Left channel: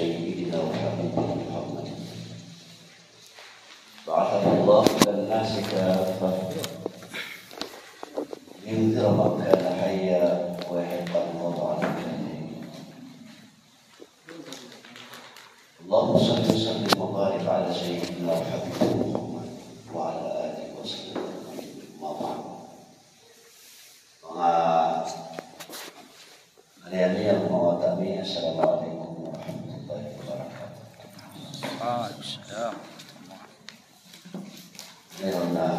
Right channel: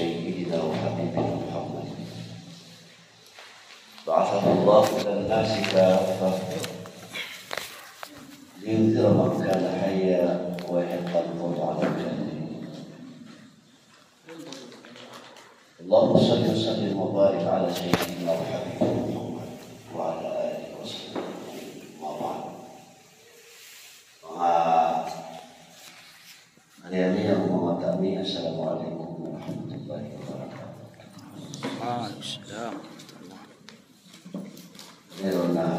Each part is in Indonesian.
سيدنا وحبيبنا محمد بعثه الله إلى الناس كافة لينذر من كان حيا ويحق الموت على الكافرين. اللهم صل وسلم وبارك على سيدنا وحبيبنا محمد وعلى آله وصحبه أجمعين. Hari-hari yang mengatami, Assalamualaikum warahmatullahi wabarakatuh. Waalaikumsalam. Nirona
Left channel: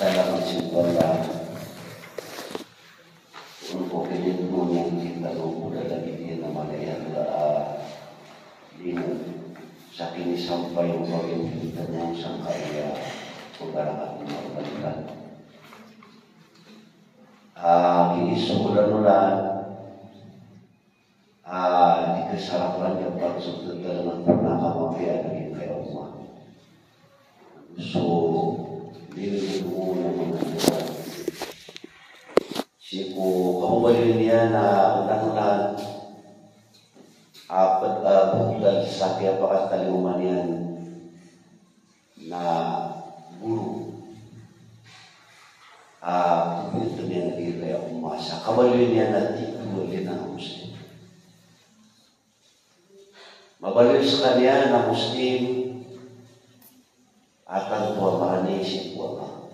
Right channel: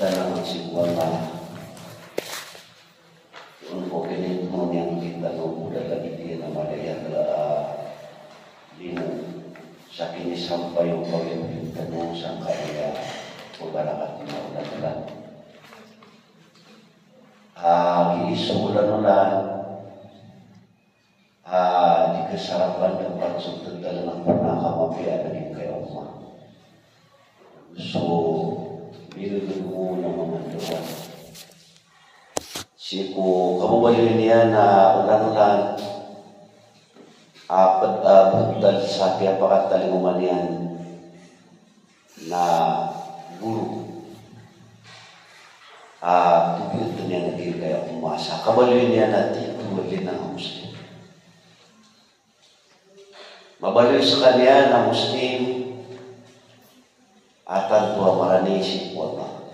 dalam simbola untuk ini yang kita udah lagi di nama dia adalah linu sakini sampai untuk yang kita sangka ya saudara hati mudah-mudahan sebulan-bulan di kesarapan dapat sudut dalam pernah kamu biar lagi ke Allah. So biru menentukan siku kamu balik niya na ulan-ulan apat dan sapi apakah tali umanian na guru tubuh itu yang lagi kayak masa kabalnya nanti kemudian na muslim mabalik sekalian na muslim atar tua marani si kuala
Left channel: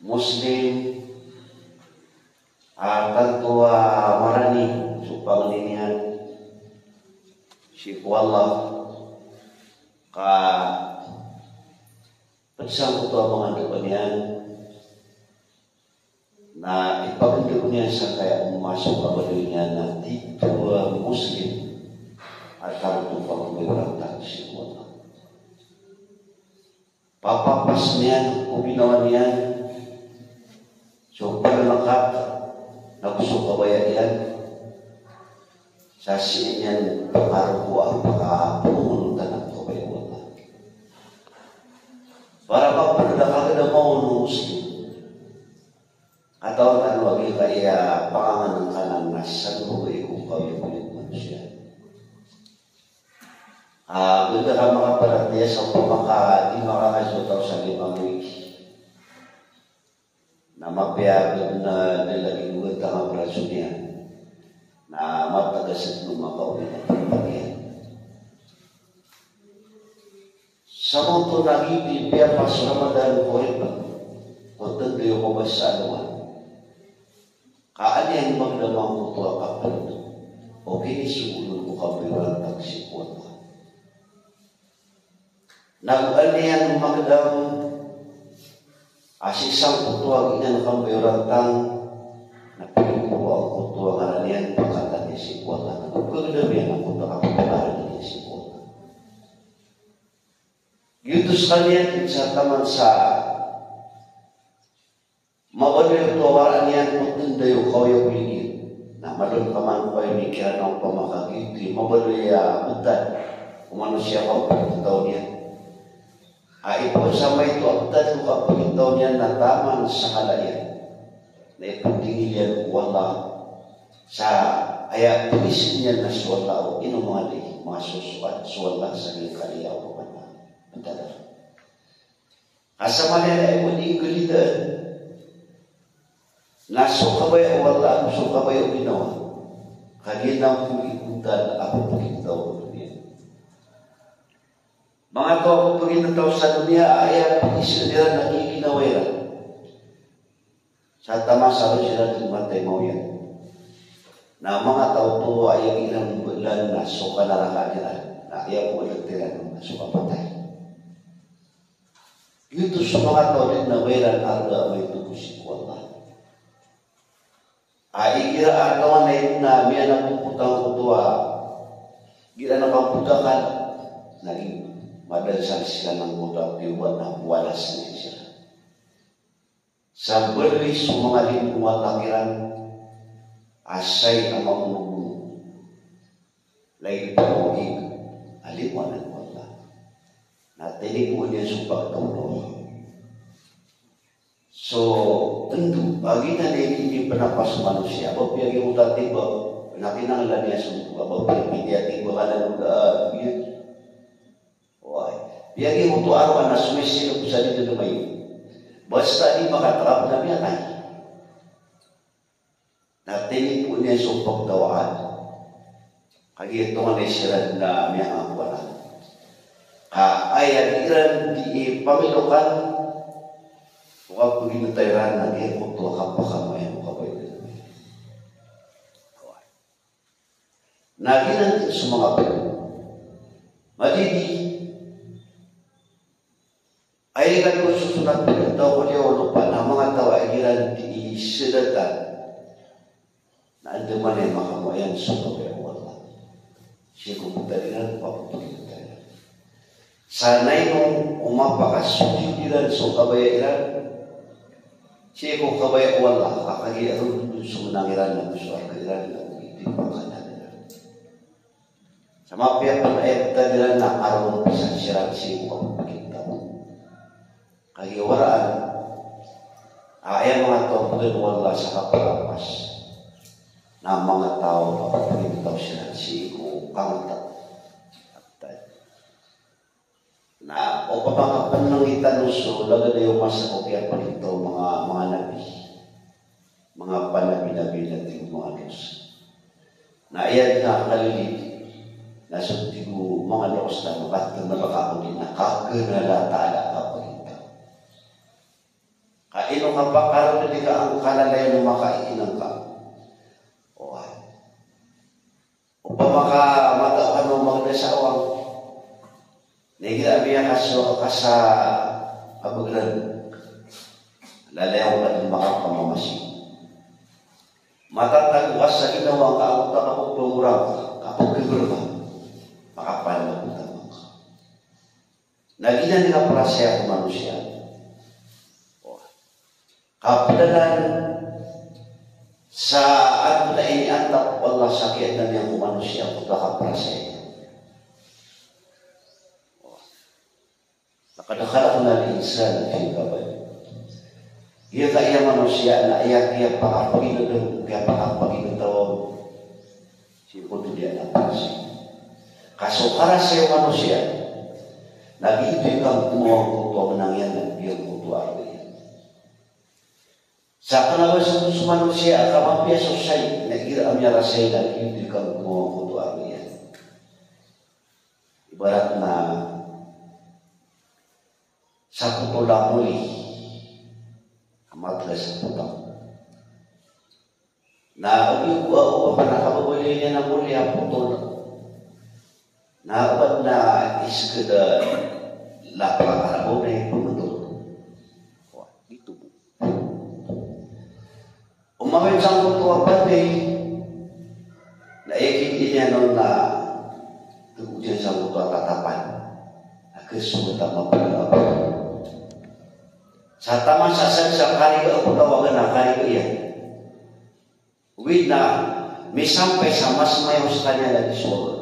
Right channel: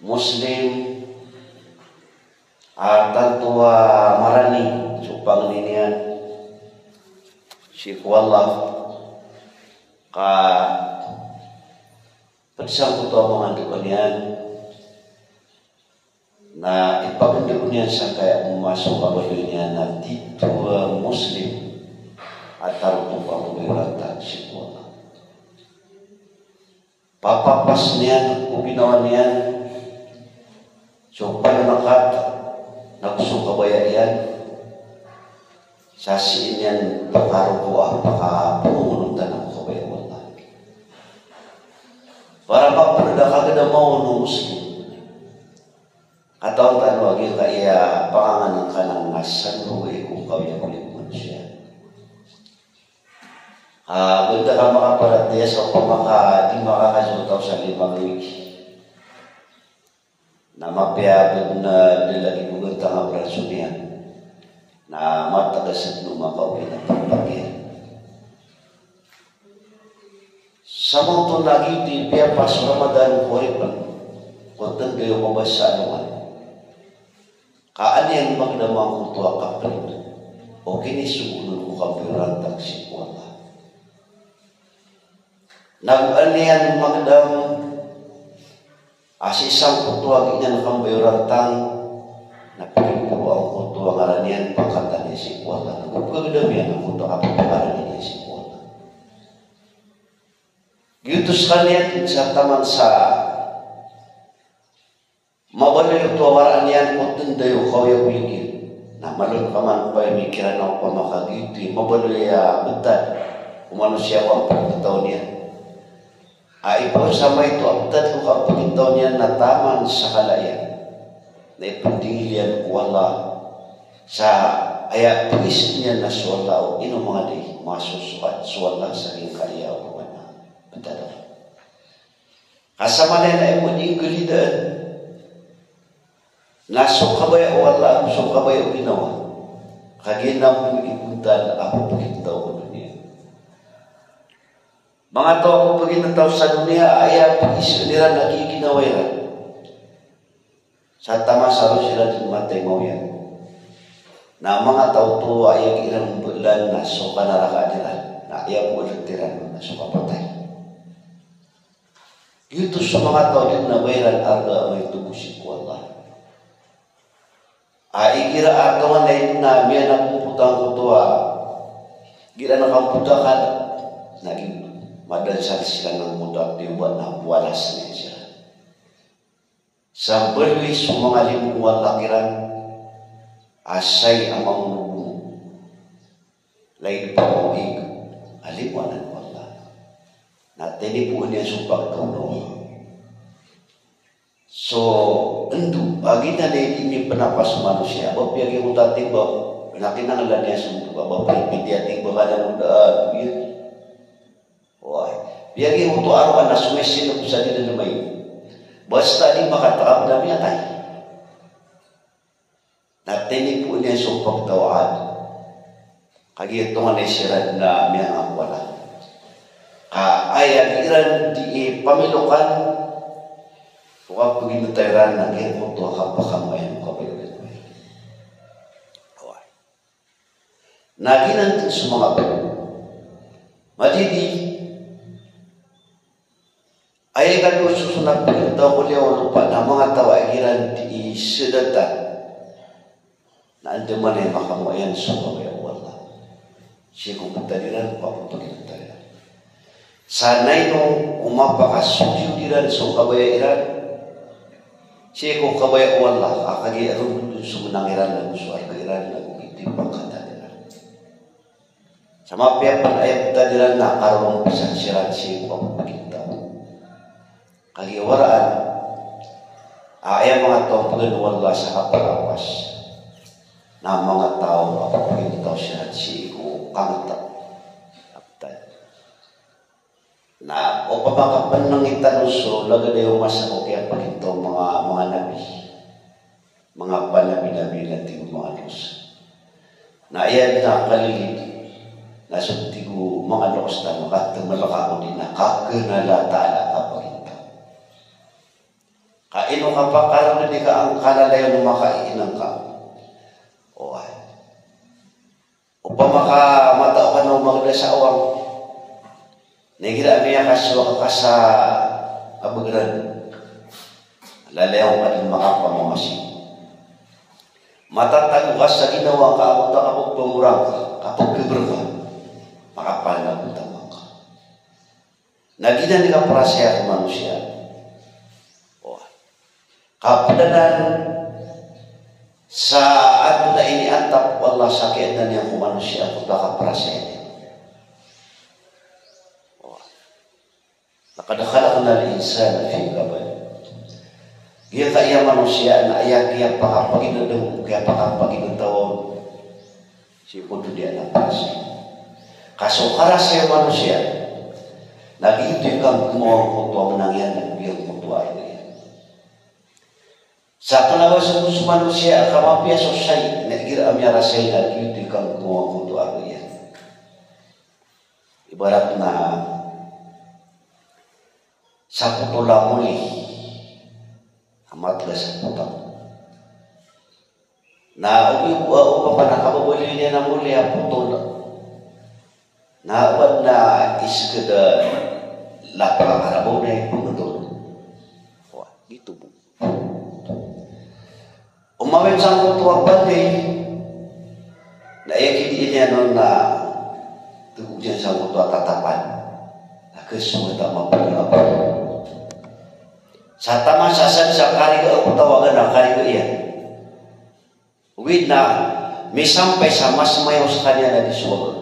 muslim atar tua marani cupang ninian si kuala ka bersangkut omongan kalian na ipagundok niya sa kaya masuk kabalnya nanti tua muslim atar tua pembiratan si kuala papapas niyan, upinawan niyan, coba nakat, nagsuka baya yan, sasiin yan, pakarupo ang pakapununtan ng kabayawan. Para papadala ka mau ng muslim, atau tan wagi kaya pangangan ka ng masan buhay kung kaya kulit manusia. Benda ka makapalataya sa pamaka di makakasutaw sa limang wiki na mapiyapid na nilagi bugat ang abraso niya na matagasat ng makauwi ng pagpagyan. Sa mga lagi di pepas Ramadan Qurban kuntan kayo ko ba sa alaman kaan yan magdamang kutuwa kapit o kinisugunan ko kapiran taksi kuwata nag-alian magdam asisang kutuwa ganyan kang bayurantang napiling po ang kutuwa ngalanian pagkata niya si kuwata nagkagdamian ang kutuwa kapitaran niya si kuwata giutos kanian sa taman sa mabalil tuwaran niyan kutindayo kawya kuligid na malun paman pa imikiran ang pamakagiti mabalil betan manusia ang pagkitaw niya ipag-usama ito abdat ko kapagitaw niya na taman sa kalayan na ipagdingilian ko wala sa ayat pag-isip niya na suwala o ino mga di masusukat suwala sa iyong kaya o mga betadar kasama na yung muling galidan nasukabay wala ang sukabay o ginawa kaginang po ipuntan ako pagkitaw mga tao ko pagkitataw sa dunia ay pag-isip nila nakikinawairan sa tama sa sila din matay mo yan na mga tao to ay ilang bulan na suka naraka nila na ayaw mo nagtiran na suka patay dito sa mga tao din na bayran arga may tubusin ko Allah ikira ato lain na may napuputang kutuwa gira nakaputakan naging madasan sila ng budak diwa na walas na siya. Sa berwis mga limuwal lakiran, asay ang mamubuno. Lain pamuhig, aliwanan wala. Na tinipuan niya sa pagkaroon. So, tentu baginya ini penapas manusia. Bapak yang muda tiba, nanti nanglah dia semua. Bapak yang dia tiba ada muda dia. Wah, biar yang untuk arwah nasumesi yang bisa didengar. Basta di makataap na miyatay. Natini po niya supang tawaan. Kagito nga naisiran na miyang wala. Kaayag iran di pamilukan. Huwag pagimutayran na kaya kung ito kapakamayang kapalit. Naginan din sa mga po. Madidi. Ay kan susunod daw ulit lupa na mga tawagiran di sedatan na andaman ay makamayan sa kawaya wala. Siya kumutaliran pa kung pagkitayan. Sanay nung umapakasudyo diran sa kawaya iran, siya kung kawaya wala, akagiaron dun sa manangiran ng suwar kairan na itim pagkataliran. Sa mga piyapag-ayap taliran na karong pisansiran siya kung pagkitayan. Kagiwaraan ay mga tao pagkanuwala sa kapalapas na mga tao apapagin daw siya si kangta na o pamakapan ng itanuso lagay yung masako kaya pa ito mga nabi mga panabi-nabi natin mga Diyos na ayan na kalilig na suntigo mga Diyos na makatamalakao din na kaganalata kaino ka pa karon di ka ang kalalayo makainan ka. O ay. O pa makamata ka ng mga dasawang. Nagira niya kasyo ka sa abagran. Lalayaw ka din makapamamasi. Matatago ka sa ginawa ka ang takapag pamurang ka. Kapag pigurang ka. Makapanagutan ka. Naginan ka para siya ang manusia. Kapadanan sa ano na iniatap Allah sakit na niya kung manusia kung nakaprasya. Nakadakala ko na insan na kabay. Dia kaya manusia na ayak dia pakapaginodoh kaya pakapaginodoh si puto dia naprasya. Kaso para sa manusia nagiging kang kumuha ko menangyan ng biyang mutuwa. Sa kalawas ng manusia kamapia sosay nagira amya rasay na hindi kang kumuha ko yan. Ibarat na sa putula muli amat sa putang na umiwa pa nakabuli niya na muli ang putula na uwan na iskada lakakarabaw na yung putula. Wah, dito po. Umawin sa kutuang pati na ikin niya nun na tugugyan sa kutuang tatapan na gusto kita mapaglaban. Sa tama sasan sa kariga o tawagan ng kariga iyan. Uwid na may sampay sa mas mayaw sa kanya na diswag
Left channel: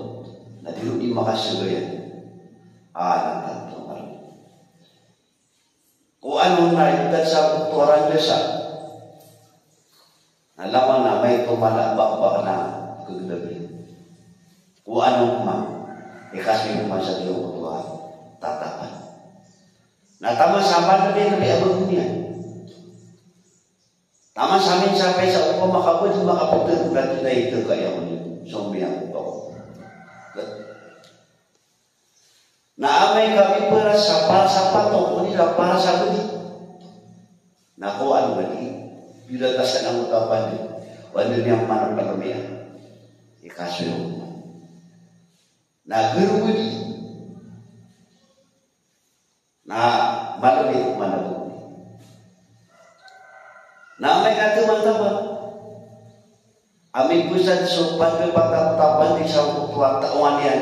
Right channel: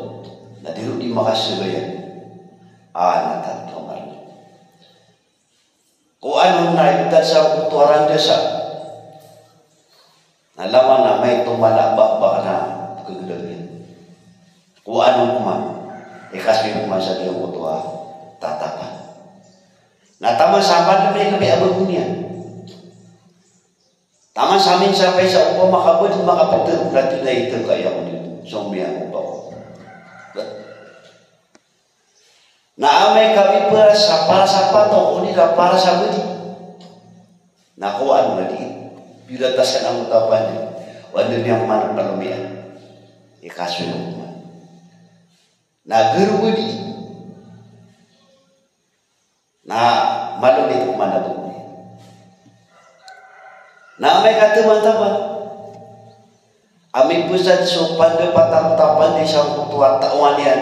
na dilo di makasagayan. Natatong nga. Kung anong naitad sa kutuaran niya sa nalaman na may tumalabak na kagagawin. Kung anong kuman, kasi kuman sa Diyong kutuha, tatapan. Natama sa amin na kami abot niya. Tama sa amin sampai sa upang makabot, makapagod, gratis na ito kaya ko dito. So, may ako pa ko. Naamay kami para sa pato, unila para sa gudi. Nakuhaan nga di. Bilatasan ang utapan niya. Wala niyang managpalumian. Ikaso yung uman. Nagurugudi. Na maluli managuli. Na may kataman-taman. Aming pusat supan ke patang-tapan di sang tua tawan yan.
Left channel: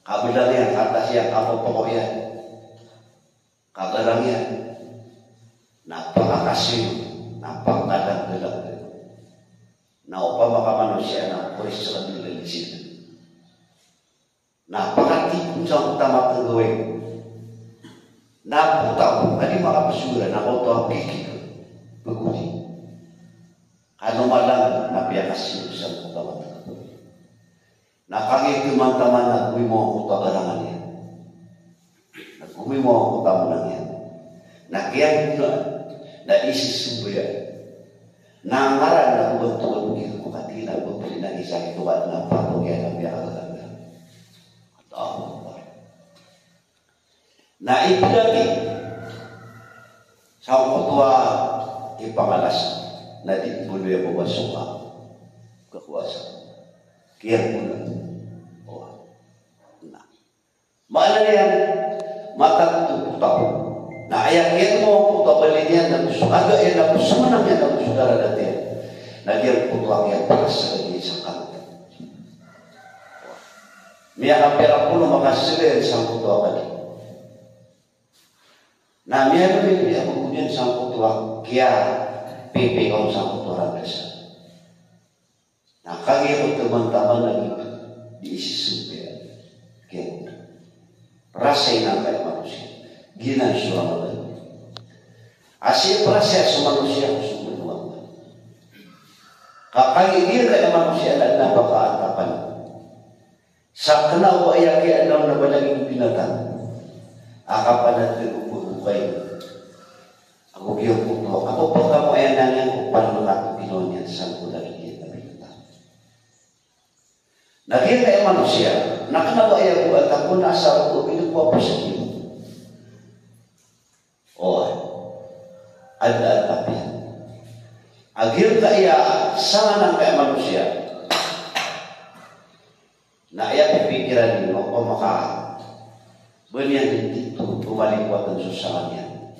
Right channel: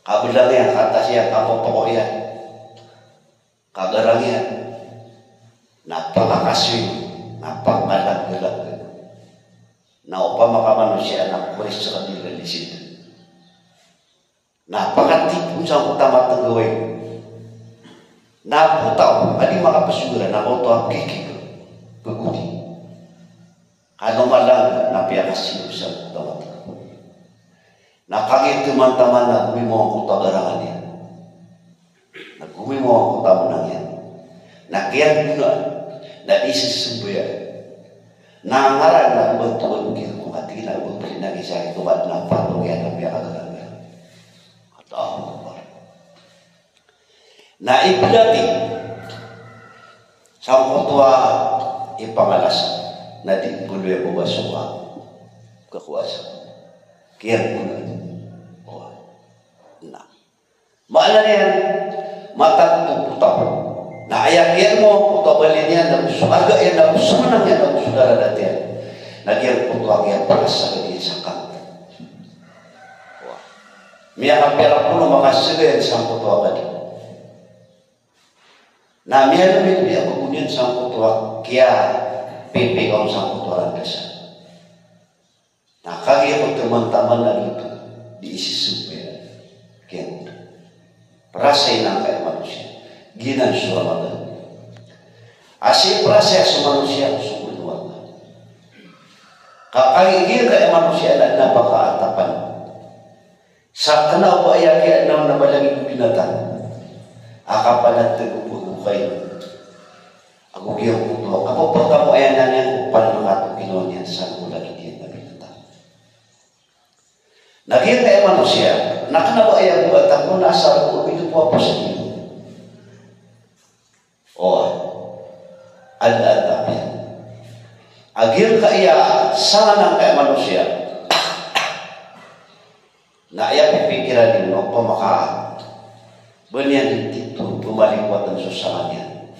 Kabilang yan, atas yan, kapopok yan. Kagarang yan. Napakakasih. Napakalag-galag na upang makamanusia na pwes sa kanila di sila. Napakatipon sa utama ng gawin. Naputaw, hindi makapasura na auto ang kikik. Begudi. Kalau malang napiya kasih sa tawat. Nakangit teman-teman na gumimo ang kutagarangan niya. Nagumimo ang kutamunan niya. Nakiyan pula na isisumbuya. Nangaran na betul begitu kati na betul na kisah itu buat na patung ya na biya kaganda. Atau na ibulati sa kutua ipangalas na di buluya mo basuha kakuasa. Kiyan pula. Oh. Na. Maala na yan matang tutaw. Na ayakin mo kutabali niya na sumaga yan na sumanang yan na saudara natin. Nagyan kutuang yan para sa lagi sa kanta. Oh. Miya kapira po na mga silen sa kutuang kanya. Na miya namin miya magunyan sa kutuang kaya pipikaw sa kutuang kasa. Nakagiro teman-teman na dito diisisupin. Kaya perasay na kayo manusia. Ginan siya Ramadan. Asli perasay sa manusia sumuluan. Kakagigil kayo manusia na napakaatapan. Sa kanawa ay kaya na nabalaging binatang. Akapalat na bukukay. Ako giyang kuto. Ako pa pa mo ayan na niya panukat Pinoy niya sa kulagi niya na binatang. Naging kayo manusia. Nakanawa ay ako at ako nasa ako pinupuwa po sa Diyos. Oh, ada tapi. Agil kaya sana kay manusia. Na iya pikiran nino pemakaan. Banyak itu kembali kuatan susahnya.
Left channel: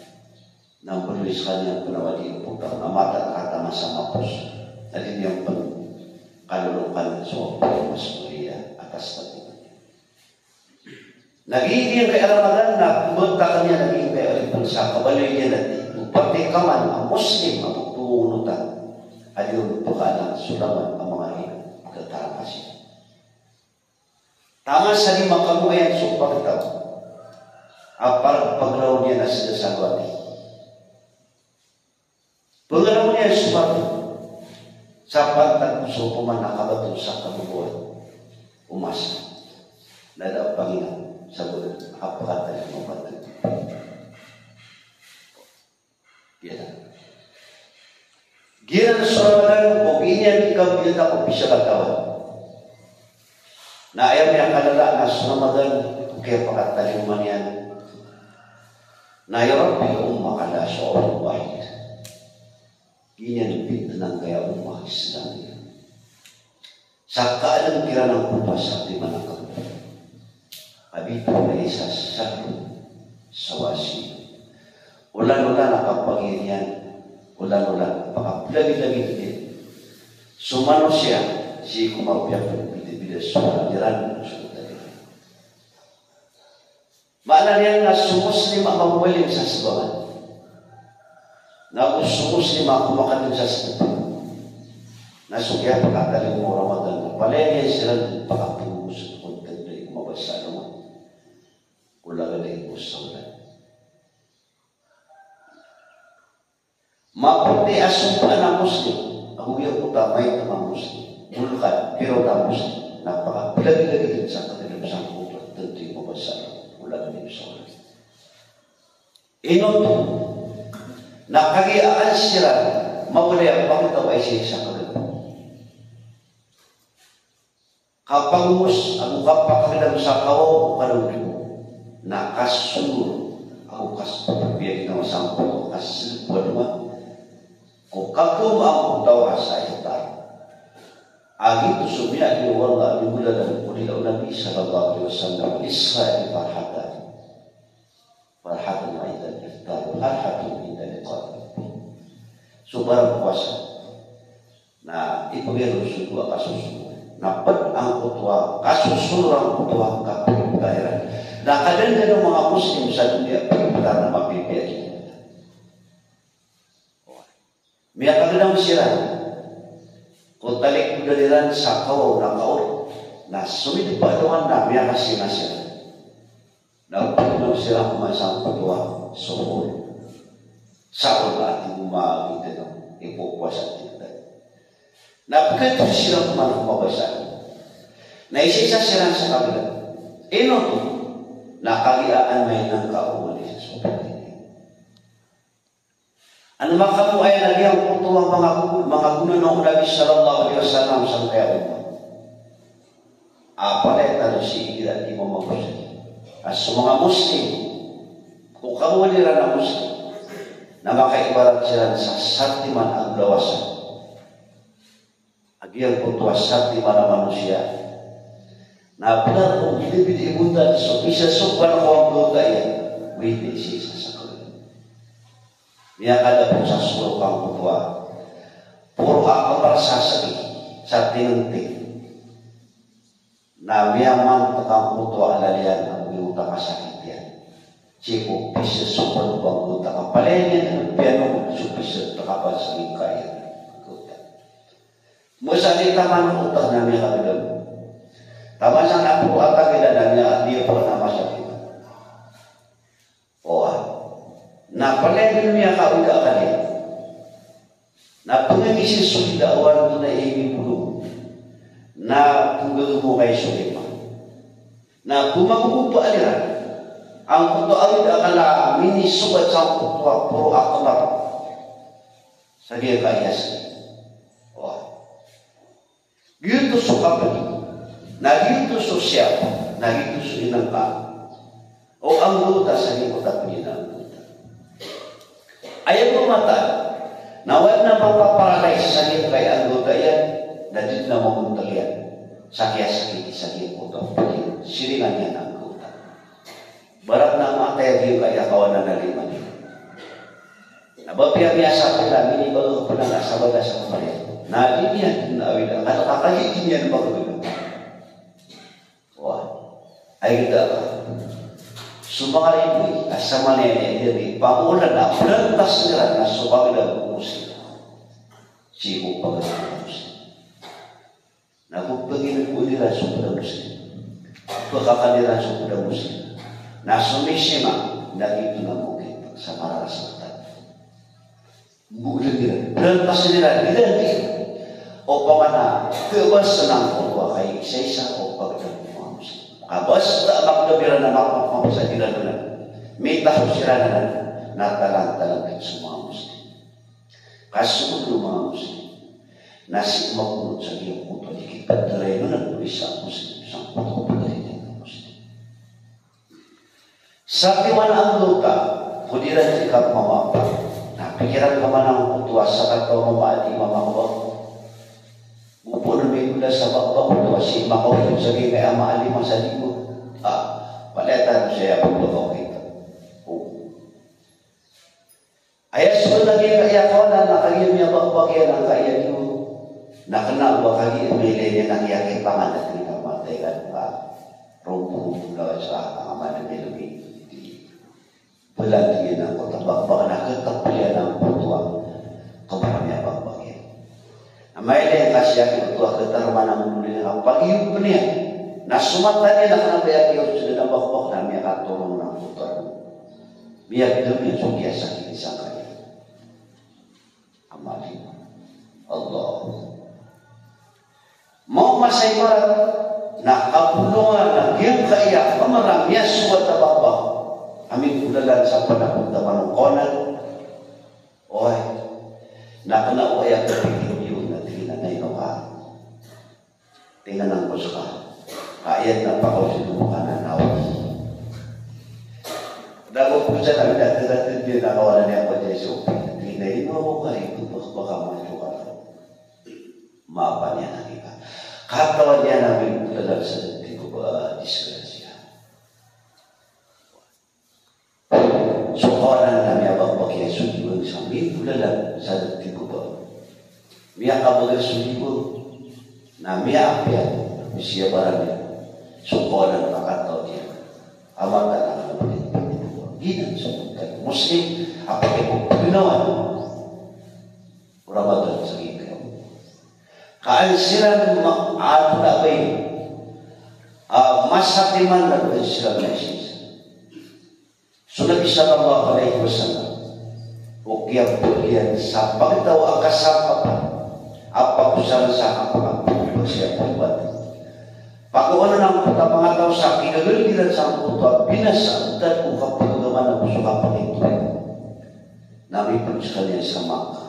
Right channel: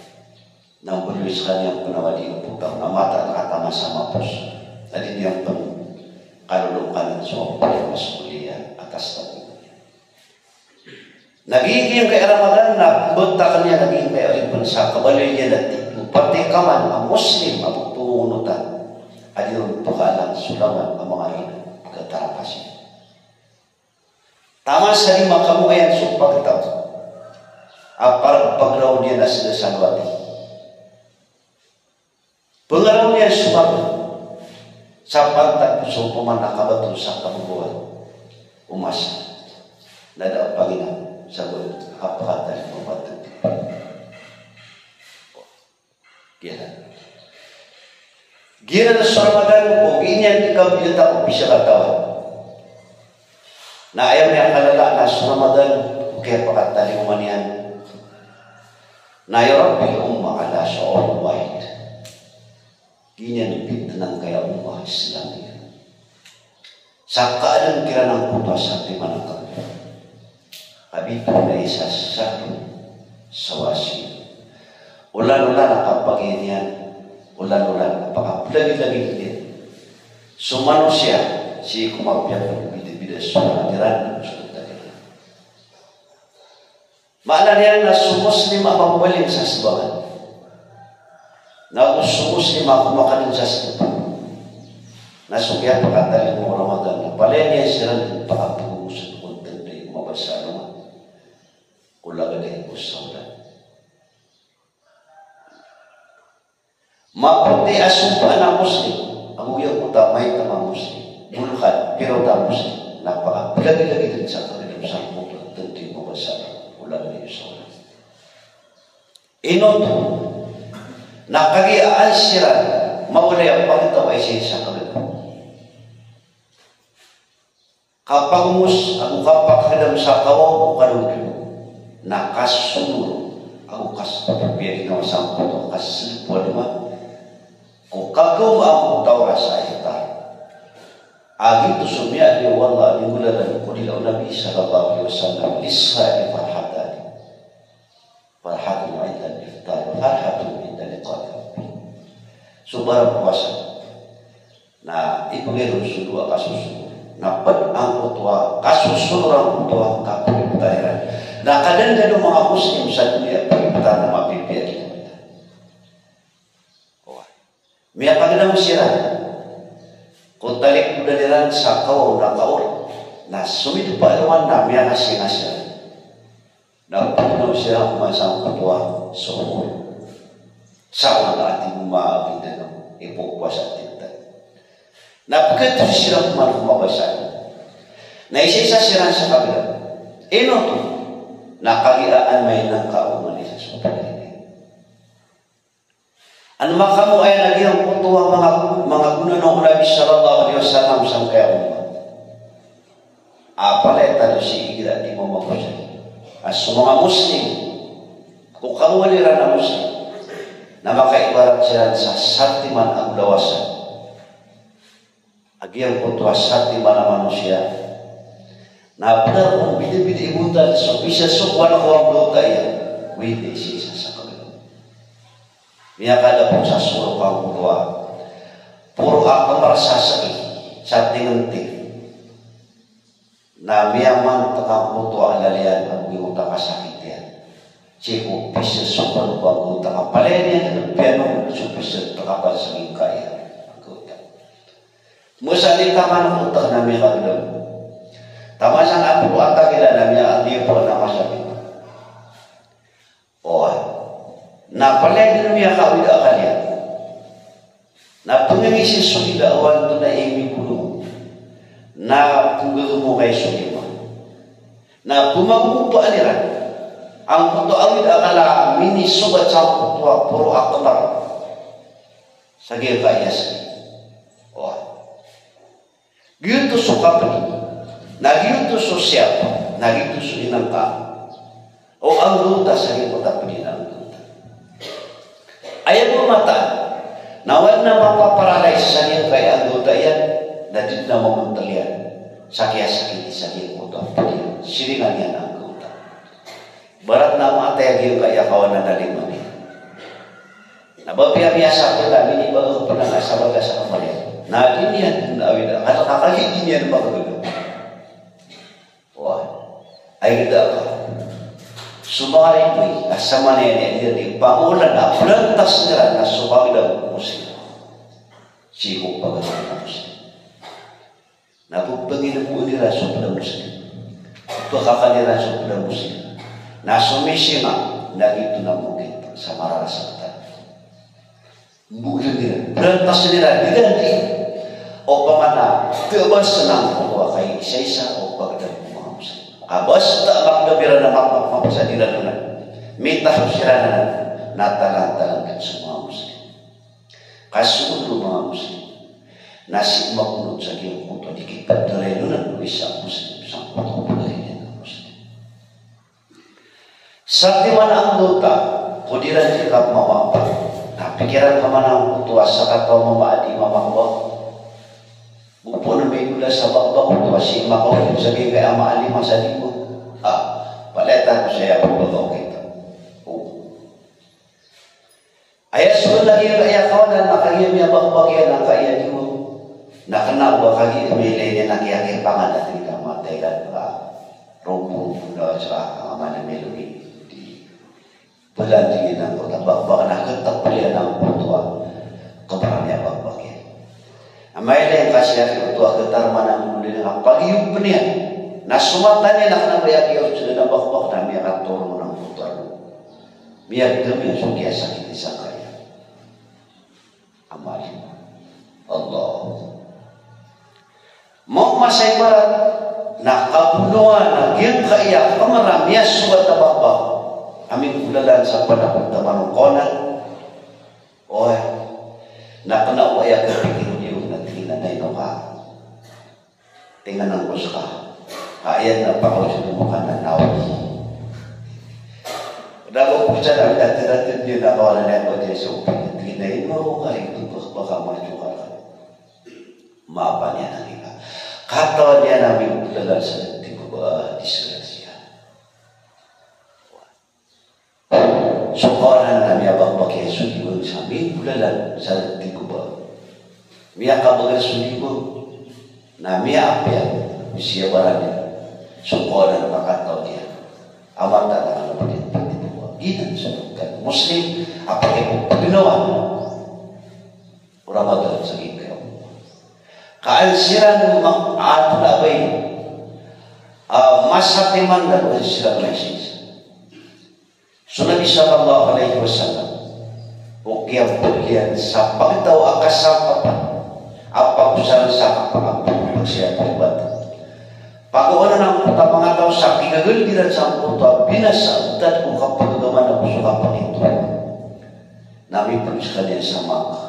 Nang berwis kanya penawadi upukang na mata kata sama pos. Tadi yang pun kalulukan so mas kuliah atas tadi. Nagiging kay Ramadan na bunta kanya naging kay Ramadan sa kabaloy niya natin. Pati kaman ang Muslim ang punutan. Adiyon tukalang sulaman ang mga ina. Pagkatarapas niya. Tama sa lima kamu ayan supagtaw. Apar paglaw niya na sila sa luwati. Paglaw niya supagtaw. Sa pagtag so pumanakabato sa kamubuan. Umasa. Nada ang Panginoon. Sabi, apakata yung mga batut. Gila sa Ramadan, kung inyan ikaw binata o pisya katawan. Na ayaw niya kalalaan na sa Ramadan, kaya pakata yung maniyan. Na ayaw ang ummakala sa all wahid. Ganyan yung ng kaya umah Islam niya. Sa kaalang kira ng puto sa ating manakal. Abito na isa sa sawasi. Ulan-ulan nakapaginian. Ulan-ulan napakapilagi-lagi din. Sumano siya. Si kumapiyag ng bida-bida sa paniran. Maalala niya na sumuslim ang mabalim sa sibagan. Na sumuslim ang kumakanin sa sibagan. Nasugya pagkataling mo Ramadan. Palaya niya silang pakapunos. Mabasa naman. Ulaga dahil po sa ulan. Maputi asumpa na Muslim. Ang uyag mo tamay na mga Muslim. Bulkan, pero na Muslim. Napaka-pilagi-lagi din sa kanilang sangkuto. Tentu yung mabasa. Ulaga dahil sa ulan. Inoto, nakagiaan sila, maulay ang pangitaw ay siya sa kanilang. Kapag ang kapakadam sa kao o karudyo, nakasunod ang kasapapiyag na masampo ito kasilipol naman. Kung kagum ang utawa sa itar, agi ito sumya ni wala ni mula lang kulilaw Nabi sallallahu alaihi wasallam Israel farhatan. Farhatan yung indan iftar, farhatan yung indan iqad. Subarang puasa na ipagiro sudwa kasusunod. Napat ang utwa, kasusunod ang utwa tapos tahiran. Na kadang-kadang ng mga Muslim sa dunia pagkita na mapipiyat kita. May pagdang siya. Kung talik mo dalilan sa kaw na kaol, na sumit pa aluan na may kasi na siya. Nagpagdang siya ang mga sang katwa sa ulo. sa ati uma kita no ipo kuasa kita na begitu sila mabasa na isa sila sa kabila ino to nakagilaan may nang kauman isa sa pagkain ano makamu ay nagyang kutuwa mga guna ng Nabi sallallahu alaihi wasallam sa kaya umma apalay talo si igira di mo mabasa as mga muslim kung kawalira na muslim na makaibarat sila sa saktiman ang dawasan agyang kutuwa saktiman ang manusia na benar kung bidi-bidi ibutan so bisa sopan ko ang doon kaya wili siya sa kabila niya kada po sa sulok ang kutuwa puro ako marasasagi sa tinganting na miyaman takang kutuwa alalian ang iuta kasakit yan Ciko bisa sopan bang utang palenya ng piano supisa takapal sa kaya utang. Musa ni taman utang namin kagdon. Tama sang apo atang ila namin dia po na masakit. Oh, na palenya niya kawida kanya. Na pungisi sugida awan to na imi pulo. Na punggulo mo kay sugida. Na pumagu pa aliran. Ang kuto awid akala mini sugat sa kuto puro akbar sa gil kayas oh gitu suka peni na gitu sosial na gitu suinang ka o ang luta sa kota peni na luta ayaw mo mata nawad na mapaparadise sa gil kay ang luta yan na di na mamuntalian sa kaya sakit sa gil kota peni siringan yan barat nama tayang kaya kawan na daling mami. Nabapia biasa kita ini baru pernah kasar sa kemarin. Nah ini yang awid atau kali ini yang baru. Wah, air dah. Semua ini asal mana yang dia bangunan dah berantas dengan nasabah dan muslim. Cium bagai muslim. Nak begini pun dia sudah muslim. Pekakali rasa sudah muslim. Na sumisima na ito na mungkin sa marasatan. Mungkin nila. Berantas nila. Diganti. O pamana. Tebas lang po kay isa-isa o pagdating mga muslim. Basta magdabira na mapapasa nila doon. Mitaho sila na natalang-talang sa mga muslim. Kasulo mga muslim. Nasi makunod sa giyong puto. Ikipag tulay nun ang isang muslim. Isang puto tulay niya. Sa tiwan ang luta, kudiran jika mawapa. Nah, pikiran kemana kutuas sakat kau membaadi mamawa. Upun minggu sa bapa kutuas si makaw sabi kaya maali masalimu. Paletan saya berdoa kita. Ayat sudah lagi kaya kau dan nakalian ya bapa kaya nakaya dulu. Nak kenal bakal milenya nak yakin pangan dari kamu dan rumput bunda cerah aman melodi. Belantingin ang kota baka nakatapalian ang putua kabaranya bakbakya. Amay din kasi ang putua katarman ang mundo nila pag-iyon pa niya. Nasumatan niya na kanabaya sila na bakbak na niya katulong ng putua. Biar kami ang sugya sakit isang kaya. Amalin. Allah. Mau masaybarat na kapunuan na diyang kaya pamaramiya suwat na bakbak. Amin ulalan sa panahon tamang konan. Oy, nakana o ay kapigil yung nagtina na inoka. Tingnan ang kuska. Kaya na pa ko sa tumukan na nawag. Dago po siya namin natin yun na kawalan niya ko Jesu. Tingnan ino ka ito baka mga jukalan. Maapa niya na kita. Katawan niya namin ulalan sa nagtin ko ba disgrasya. So orang kami abang pakai sudiun sambil bulalan sa tiguba. Mia kabaga sudiun na mia apya siya barangnya. So orang makataw dia. Awan tak nak pinit-pinit. Ginan sa Muslim apa yang paginawan. Ramadan sa ikaw. Kaalsiran ato na bay masatiman na sila Mesis. So Nabi sallallahu alaihi wasallam Ukiang bagian sa pagkatawa kasama pa apa usaha sa apa siya buat pag-uwan ng mga tao sa kinagaliran sa puto binasa at kung kapag-gawa ng suka pa nito namin pang sa kanya sa mga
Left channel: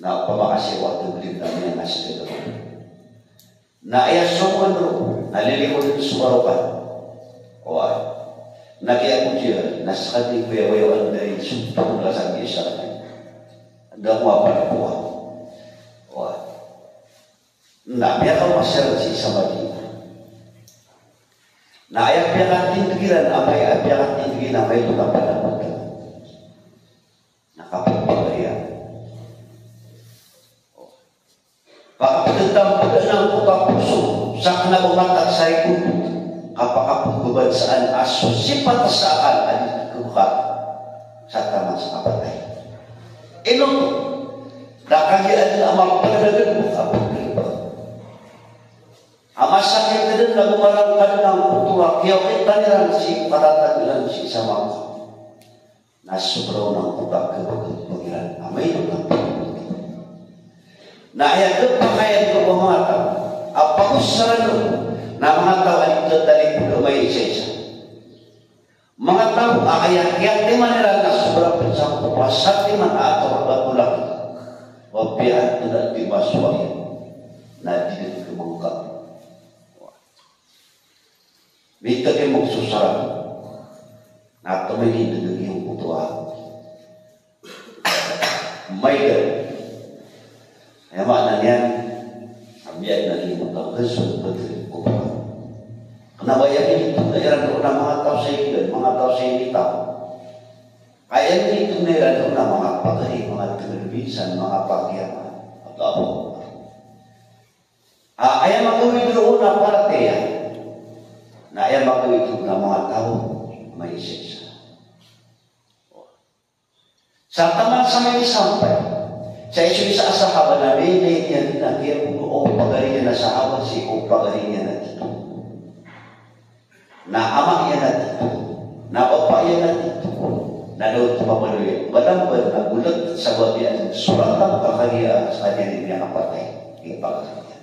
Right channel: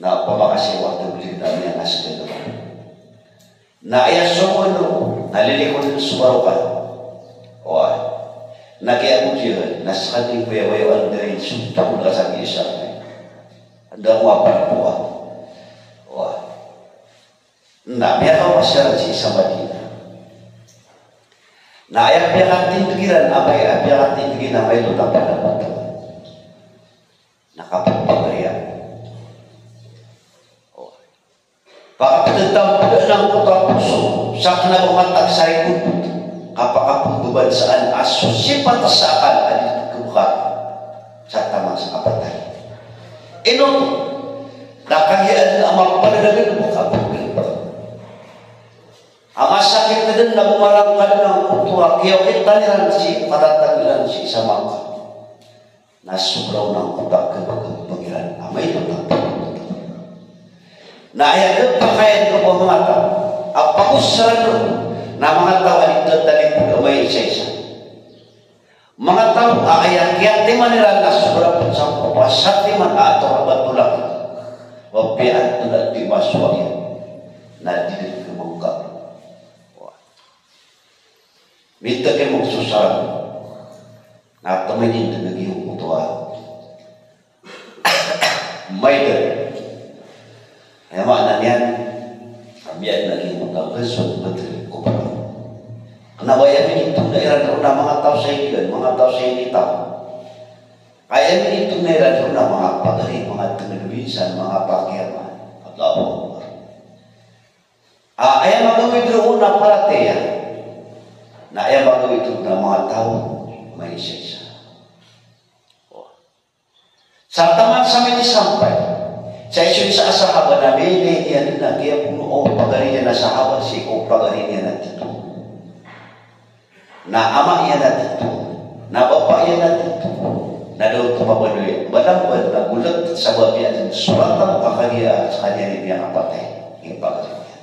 na pamakasi waktu beli namin ang asli na ayasong ano nalilikod ng suwarukan o nag-iabot nasa kating payawayawan na rin sumtang kasang isa anda mo apalpuan na meron masyarakat si isang bagina na ayaw piyakating tugilan apay piyakating tugilan apay lutang pala nakapagpagaya pakapagdang ng puso sa kinabumatag sa ikot kapakapunduban saan aso sipat sa akan kuka sa tama sa kapatay. Ino nakahiyaan ang mga panagagan mo kapagin pa. Ang asakit na din na gumarang ka ng kutuwa kaya kita nilang si paratagilan si isa mga na sobraw ng kutak kapag-pagilan. Amay ito na na ayagad pa kaya ito mga tao ang pakusalo na mga tao ay tataling pagaway isa-isa. Mga tao ayag-ayag di man nila na sobrang sa kupasati man ato rabat tulak wapiat tulad di maswaya na dili kumangka. Minta kayo magsusaran na tumayin na naging kutuwa. May Emak nanian biar lagi mutau kesut betul kupang. Kenapa ya begitu? Daerah teruna mengatau saya dan mengatau saya ini tahu. Ayat begitu daerah teruna mengapa dari mengatakan bisa mengapa kiamat atau apa? Ayat mahu itu teruna parate ya. Nah ayat mahu itu teruna mengatau manusia. Saat tamat sampai sampai. Saya sudah sa sahabat na bini yan na kaya puno o pagari na sahabat si o pagari niya na dito. Na ama yan na dito. Na opa yan na dito. Na daw tumabaloy. Balambad na gulat sa babi at suratang pakariya sa kanya niya napatay. Yung pagari niya.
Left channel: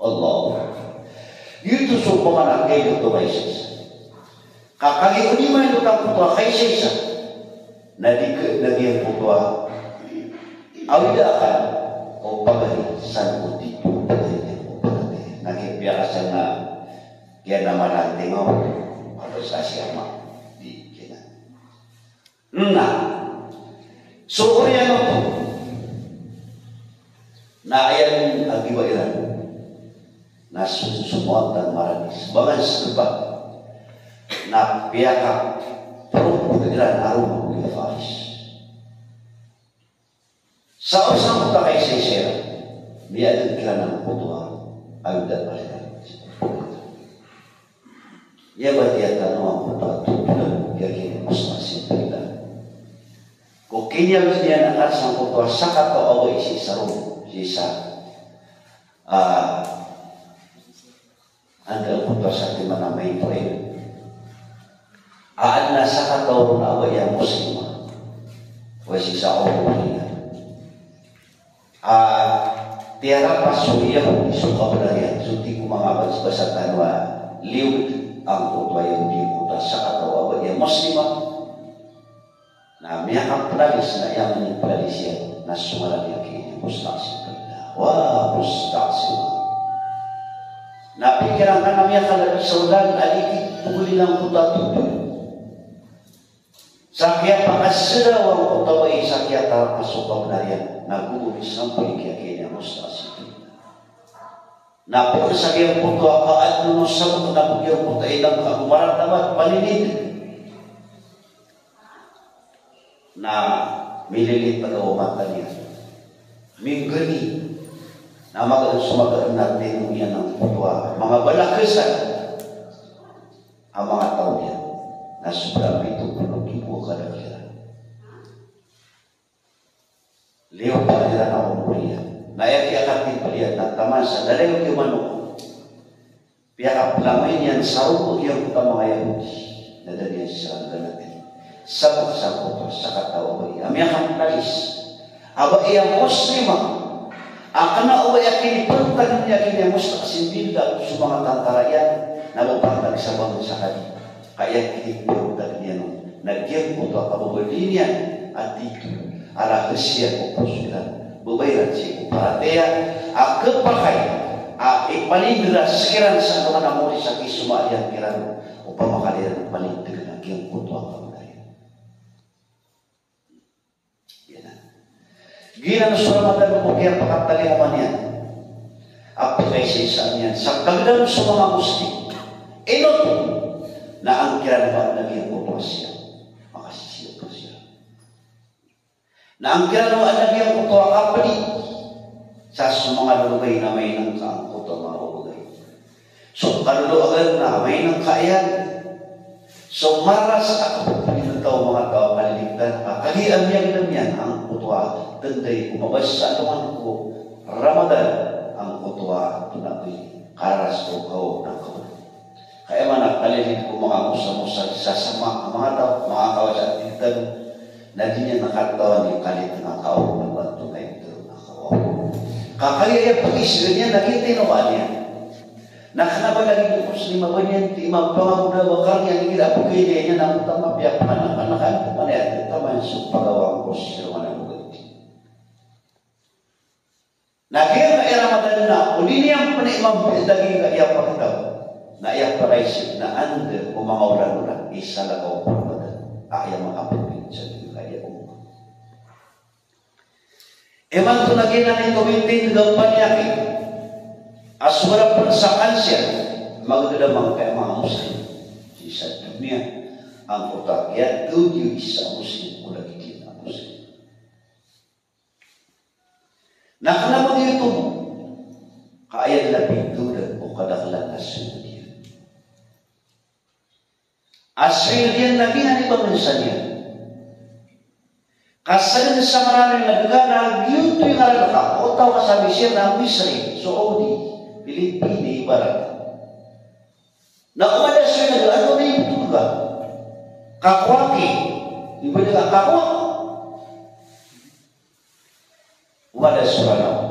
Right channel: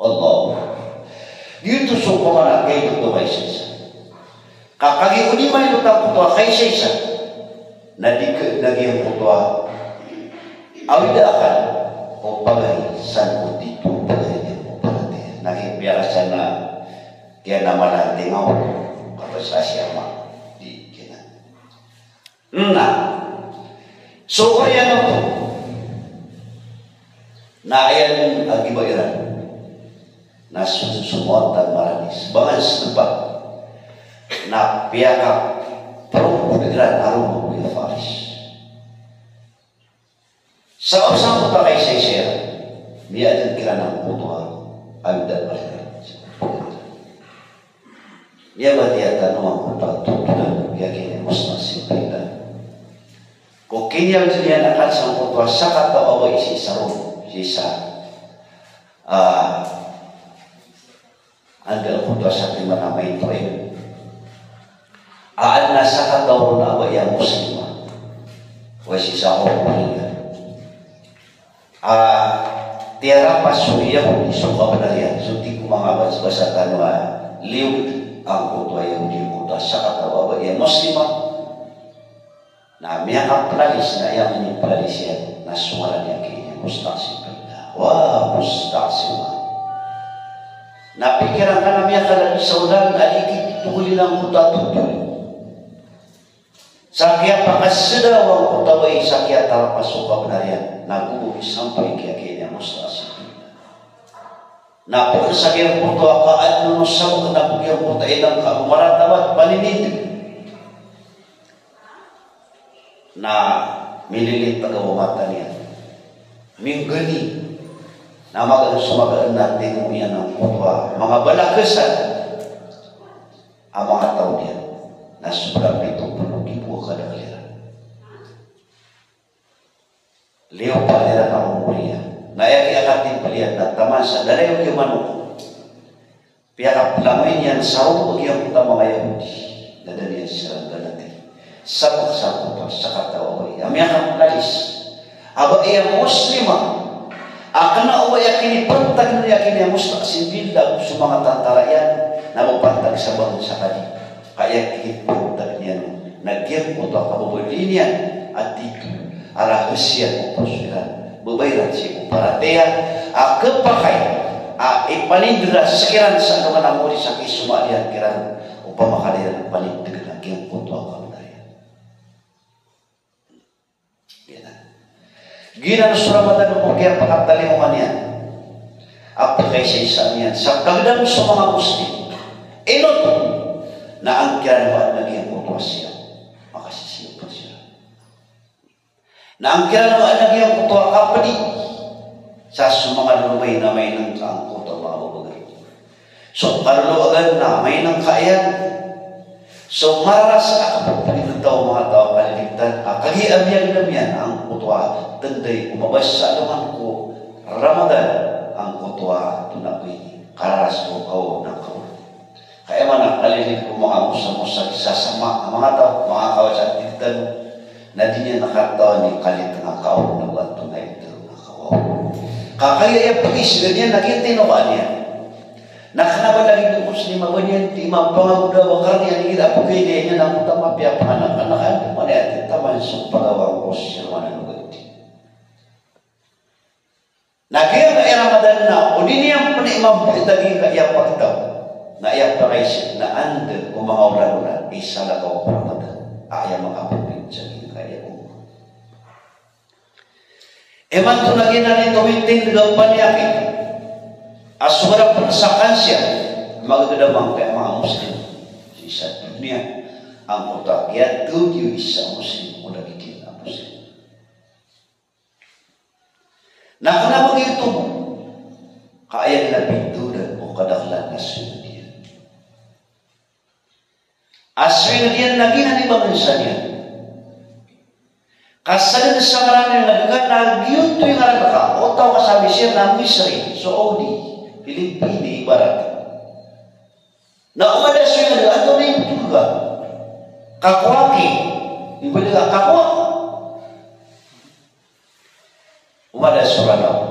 Allah. Dito so mga nakay ito may sisa. Kakagi ko di man ito taputo kay sisa. Naging puto awida akan o bagay san mo dito bagay niya mo bagay nakibiyasan na kaya naman natin mo kapag sa siya ma di kina na so kaya no to na ayan ang iba ilan na susumuan tan maranis bagas sebab na piyaka pero pagkiran harus mo yung faris sa usang pakay sa siya, miyadan ka ng putuha, ayudan pa rin. Niya ba niya tanong ang pagtutunan, yakin mas masimpila. Kung kinyal niya nakat sa putuha, sa katawaway si Sarong, si Sa, andal putuha sa tima na may toy. Aan na sa katawaway na away ang muslima, o si Sa Ormulina. Tiara pasuya suka belaya suti kumangabat sebasa tanwa liut ang kutwa yang diuta sa katawa ya muslima na miyak plalis na yang plalis ya na suara niya kaya mustasibina wa mustasima na pikiran ka na miyak ka saulan aliki tuguli ng kuta tutul sakya pakasada wang kutaway sakya tarapasuka belaya nagubo sampai kaya mustasibina na po sa kaya po ito akaad mo sa na po kaya po tayo lang maratabat paninid na mililit pa daw mata niya minggani na sumagaan natin mo yan ang putwa mga balakasan ang mga tao niya na sobrang ito pulugi po kadagyan Leo pa nila ng umuliya. Nayaki-akating palihan na tamasa. Dalayo yung manok. Piyakap lamin yan sa uog yung mga Yahudi. Nadali yan siya ang ganati. sabot sa katawa amiyang kalis aba iya muslima akan o yakini pantag na yakini muslim simbilda sa mga tantarayan na mapantag sa bangon sa kanya kaya pantag niya nagyang po ito kapabalinya at dito arahusya po sila babayran siya parateya kepakay ipanindra sekiran sa mga namuli sa kisumalian kiran upang makalian panindra nagyang po ito Gina suramatan mo kaya pakatalimukan niya. Apa kay sa niyan sa pagdalo sa mga Muslim. Inot na ang kiranuan naging putuwa siya. Makasisiyo pa siya. Na ang kiranuan naging putuwa kapali sa mga lumay na may nang kaangkot ang mga ubagal. So kaluagan na may nang kaayan. So maras ka kapag tao mga tao kaliligtan. Kahiyan yan naman ang putuwa. Tenday umabas sa anuman ko Ramadan ang kutuwa tunabi karas ko kau ng kau kaya man nakalilig ko mga musa-musa sasama ang mga tao mga kawasan tintan na di niya nakatawa ni kalit ng kau na buwan tunay ito na kau kakaya yung pulis ganyan nagintin ba niya nakanaman lagi ng muslima ganyan di mapangabuda wakar niya kita pugay niya na utama piyak anak-anakan mana yatin taman sa pagawang posisyon Nakita na Ramadan na uli niyang panimang daging kaya pagkataw na iya pakay na anda o mga orang-orang isa na kao Ramadan ayaw makapagpin sa kaya ko. Eman to naging na nito mintin daw paniyaki asura pun sa kansya magdadamang kaya mga Muslim sa dunia ang utakya tujuh isa Muslim o lagi ang Muslim. Nah kenapa itu? Kaya na pinturan o kadaklan aswindian. Aswindian lagi na ni pagkansanya. Kasan sa marami na nagkakagiyot tuwing araka o tao kasabi siya ng Misri, Saudi, Pilipini, Ibarat. Na umada siya na ano na yung tuga? Kakwaki. Iba nila kakwaki. Umada suranaw.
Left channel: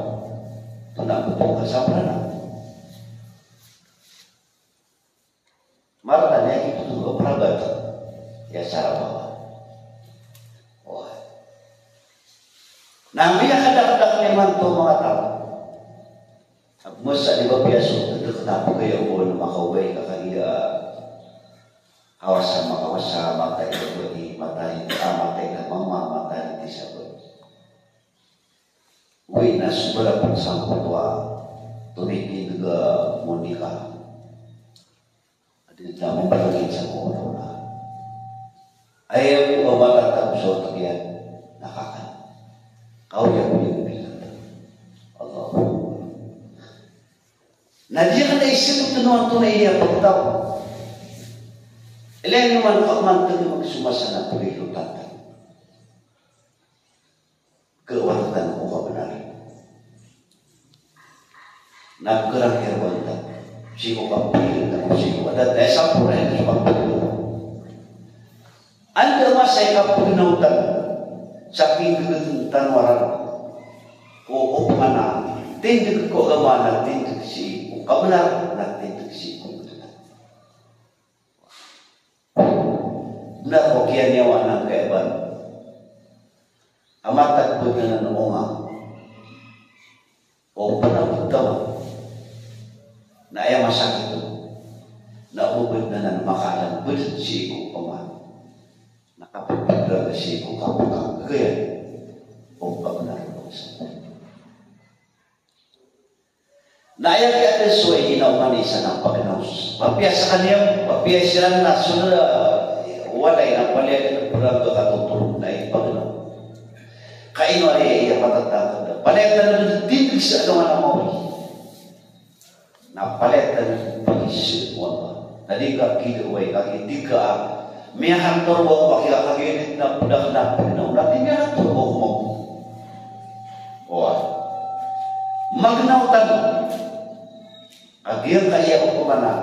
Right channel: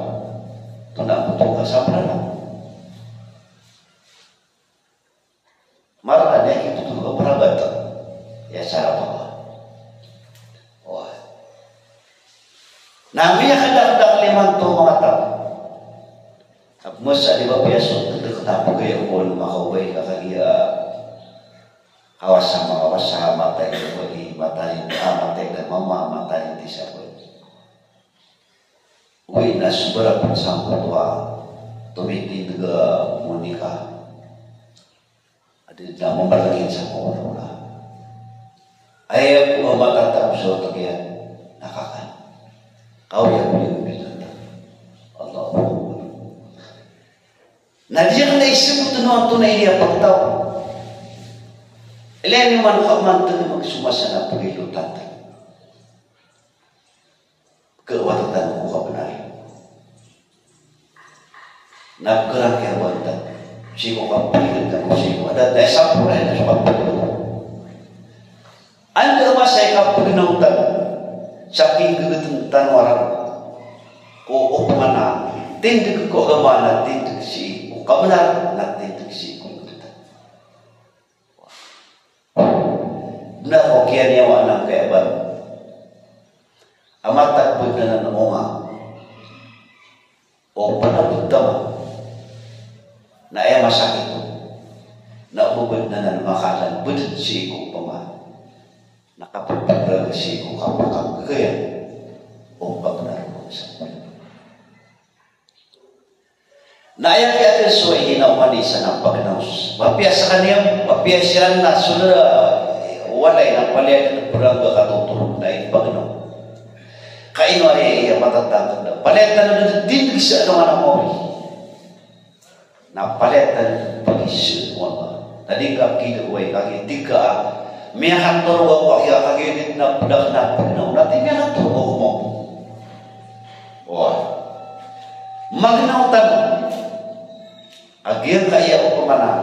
Tunang-tunang kasapranaw. Marahnya itu juga perabat. Ya cara apa? Wah. Namanya kadang-kadang limang tu mga tao. Masa di bapiaso, kenapa kaya umul makaway kakaliya kawasa matay na bagi matay na mama matay di sabon. Uy na subara pansang patwa tumitin juga Monica. Adi na mong sa mga wala. Ayaw ko matatap sa tagyan nakakan. Kau yang binata. Allah. Nadiyan na isip ito naman tunay niya pagtaw. Ilan yung manukaman ito na magsumasa na pagilutatan. Kewatan ko kabanay. Nagkerang kewatan. Siko kapagilutatan ko siko. Ada tayo sa pulay na sa kapagilutatan. Anda masay kapagilutatan. Saking gegetuntan orang. Ko opmana. Tindig ko gamana. Tindig si kabenar. Tindig si kulitan. Benar ko kaya niya wanang kaya baru. Amatak po na nanunga o panabutama na ay masakit po na ubod na nanmakalan budot sigo pama nakapagpadrag sigo kapag kaya o pagnar po sa na ay kaya soy inawanisa ng pagnaus mapiyasa kanya mapiyasa na sula walay na palit puraga katutulog na ipagnaus kain ay iya matatapad na palit na naman din sa ano nga mo na palit na pag-isip mo tadi ka kinuway hindi ka may hantor mo kaya kaginit na pudak na pagnaw natin may hantor mo magnautan agil kaya o kumana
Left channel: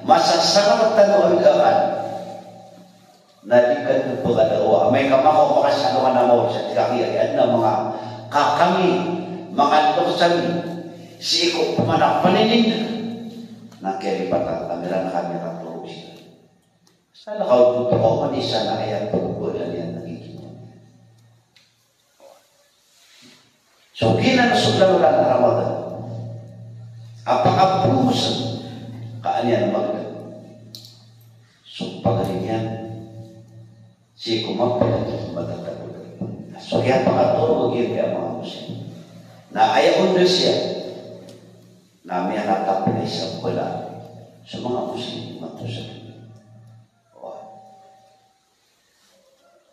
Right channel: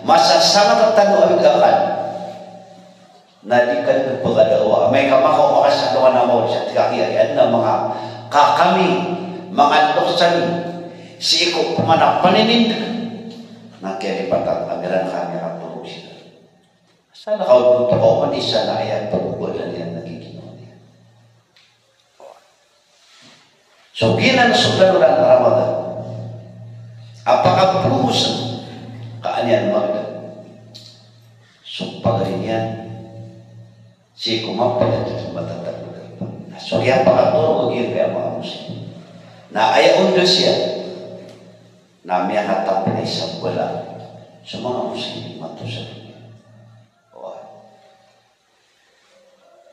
masasama at tanong ang gakan nadikan ng pagkadawa. May kamakaw makasagawa na mo siya. Kaya na mga kakami, mga tuksan, si iko pumanak paninin na keripatan kamera kamera puro siya. Sana kau butuh kau manisa na ayat pagbulan yan nagiginawa niya. So ginang sugaran Ramadan. Apakah purusan kaanian magda? So pagarin yan. Si kumapal at matatag. So kaya pakaturo magiging kaya mga Muslim. Na ayaw undo siya na may hatap na isang wala sa mga Muslim matusan.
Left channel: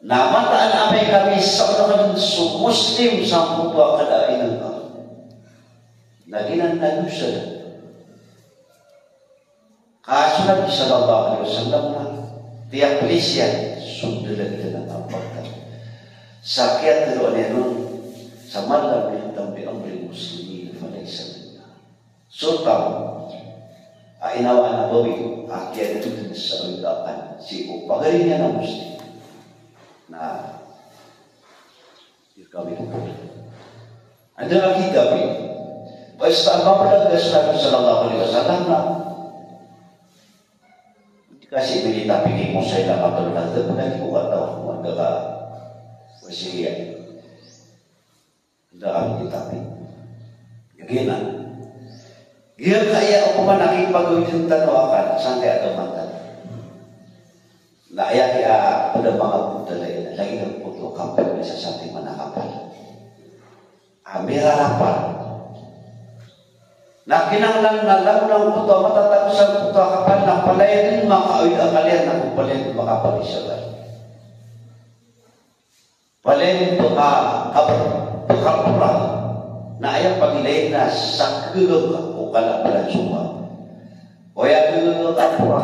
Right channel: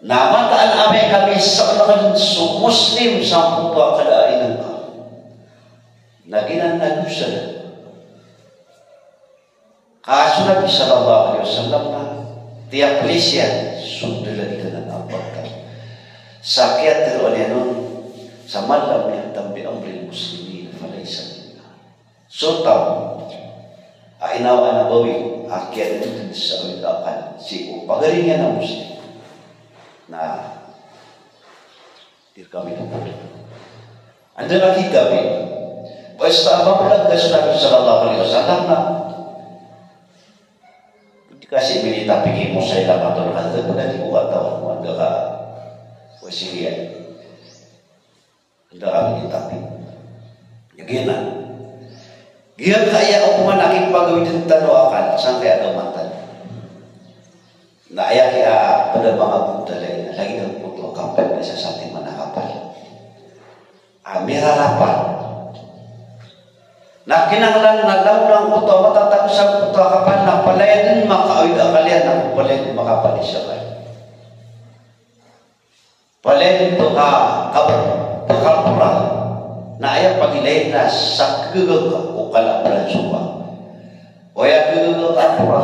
Na mataan amay kami sa mga Muslim sa puto kalain ng na ginanagyo sila. Kasunod sallallahu alaihi wasallam na tiap Malaysia sundulan ka ng apatay. Sakit telo niya nun sa malam yang tampi ang Muslimin na Malaysia. So tao, ainawa na bawi, akyat ito sa ulidakan. Sipo, pagaling niya ng Muslim. Na di kami lupa. Anda lagi kami. Basta mapalag na Nabi sallallahu alaihi wasallam na dikasih milita pikir mo sa ilang matulungan ito po na di ko kataw mo anda ka o sige anda kami ditapi gina gina kaya ako man aking pagawin ng tanawakan saan kaya damatan na ayaw kaya pada mga budalay na lagi ng puto kapal na siya sa ating manakapal amira lapar na kinanglan na lang ng puto matatapos sa puto kapal na palayan makawid ang kalian na palayan makapal siya ba palayan ito kapal na ayaw pagilayin na sa gagag o kalabalan suwa o ayaw gagag kapura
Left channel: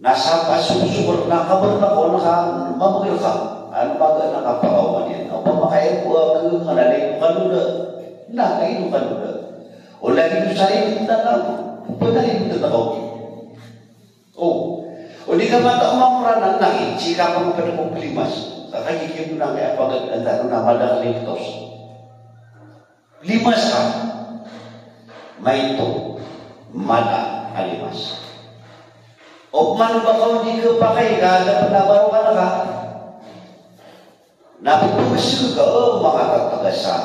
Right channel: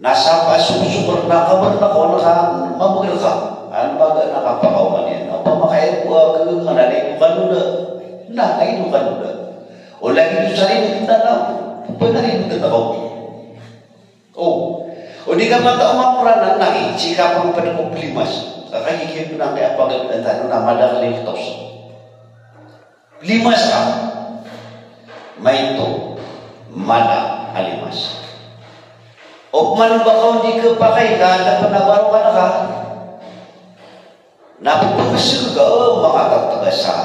nasa pasusukur na kabar na ko na mamagil ka ang baga nakapakawan yan ang pamakaya po ang gagag ka na rin kanuda na kayo kanuda o lagi ito sa rin na lang pwede rin ito na o di ka mata umamura na nai sika pang panakuplimas kakahigit mo na kaya pagkakanta na madakalitos limas ka may ito mada alimas o man ba kau di kapakay ka na panabarawan ka napupusin ka mga tatagasa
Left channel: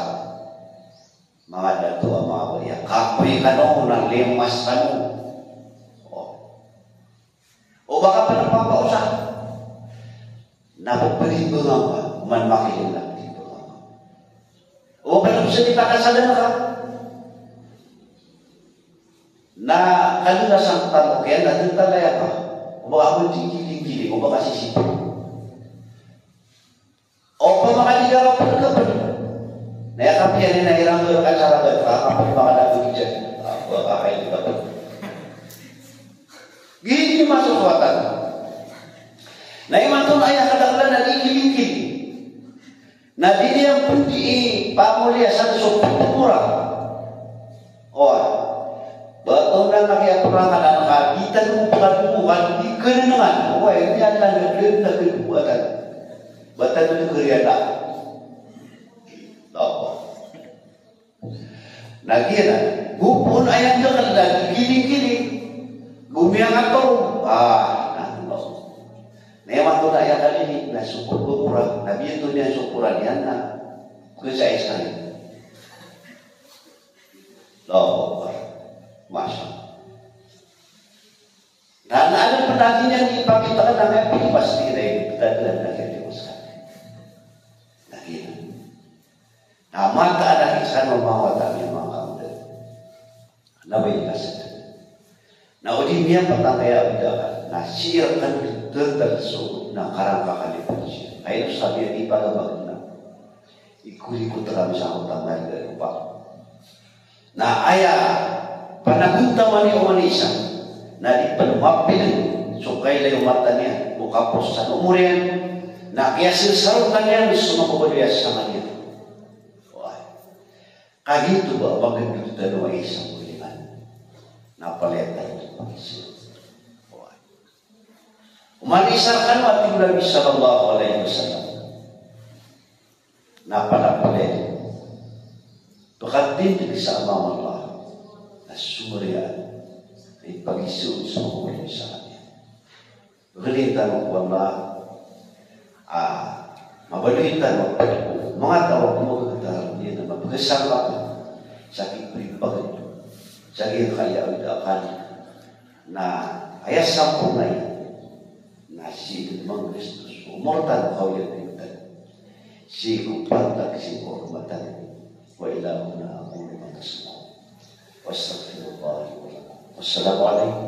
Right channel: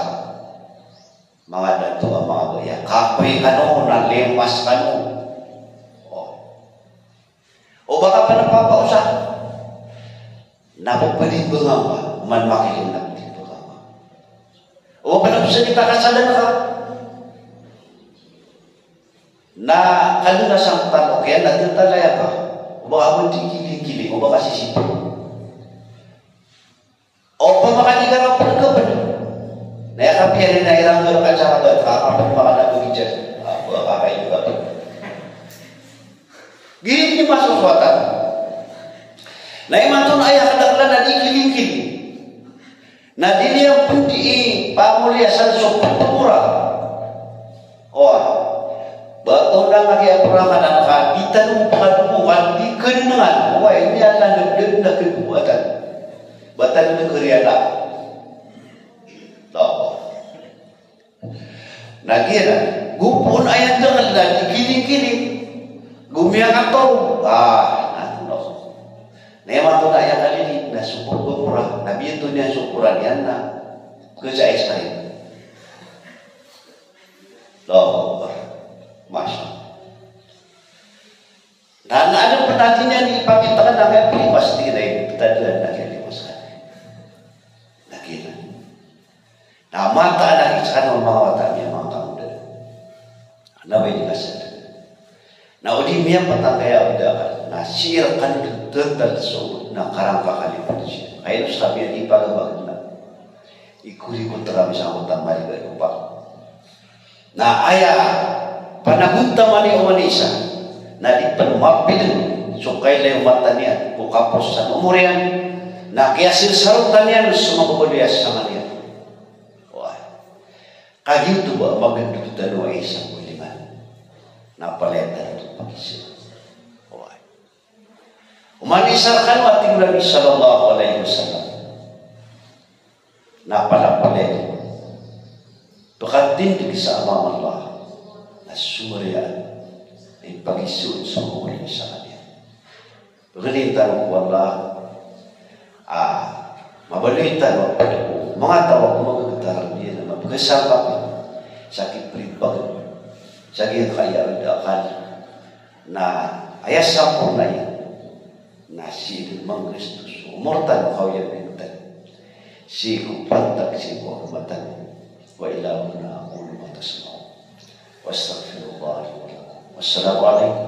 mga dato ang mga kuya kapoy ka no nalimas ka no o baka pa napapausa napupunin ba nga ka man makiling natin ba nga o parang sa ipakasalan ka na kanina sang talo kaya natin talaya ka o baka mo tingkiling-kiling o baka sisipo o pag makaligarap pa ka na yakapiyarin na iranggal ka sa ragat kakapag mga naguli dyan kakakain ka gilid niyo masaswatan na imanton ayah kadaklan na ikiling-kiling na diniyang pundi pamulya sa sumputura o bato na nakiapurakan ang kabitan ng pagkabukan di kenangan o ini adalah nagdag na kebuatan batan na keriyala nagira gupon ayat dengan dan giling-giling gumiang atau no nema tu ayat kali ni na syukur berpura nabi itu dia syukuran dia na kesais kali loh masya dan ada penatinya di pamitan namanya pilih pasti dari kita dan nakili masalah nakila nah mata ada kisah memawa kami nabi nasad. Na uli miya patakaya ada nasirkan detal so na karangka kali siya. Kaya ito sabi ni pagabag na ikuli ko terami sa utang mali ka pa. Na aya panagunta man ni Umanisa na di pagmapil so kailan mata niya o kapos sa umurian na kaya sinsarutan niya sumapaguliyas sa kanya. Kahit ba magagdutan o ay isang ulingan? Napalitan ito pag-isip. Umanisakan ating Nabi sallallahu alaihi wasallam. Napalapalay. Pagkatindig sa amang Allah na surya ay pag-isuot sa mga sa kanya. Pagkalitan ko Allah, mabalitan mo, mga tawag mo magkataran niya na mapagkasapapan sa kipripag, sa kinakayaan na ayasapon na yan na si Mang Kristus. Umortan ko kaya pintan. Si kupantak si Muhammadan. وإلى هنا أقول ما تسمعون وأستغفر الله. والسلام عليكم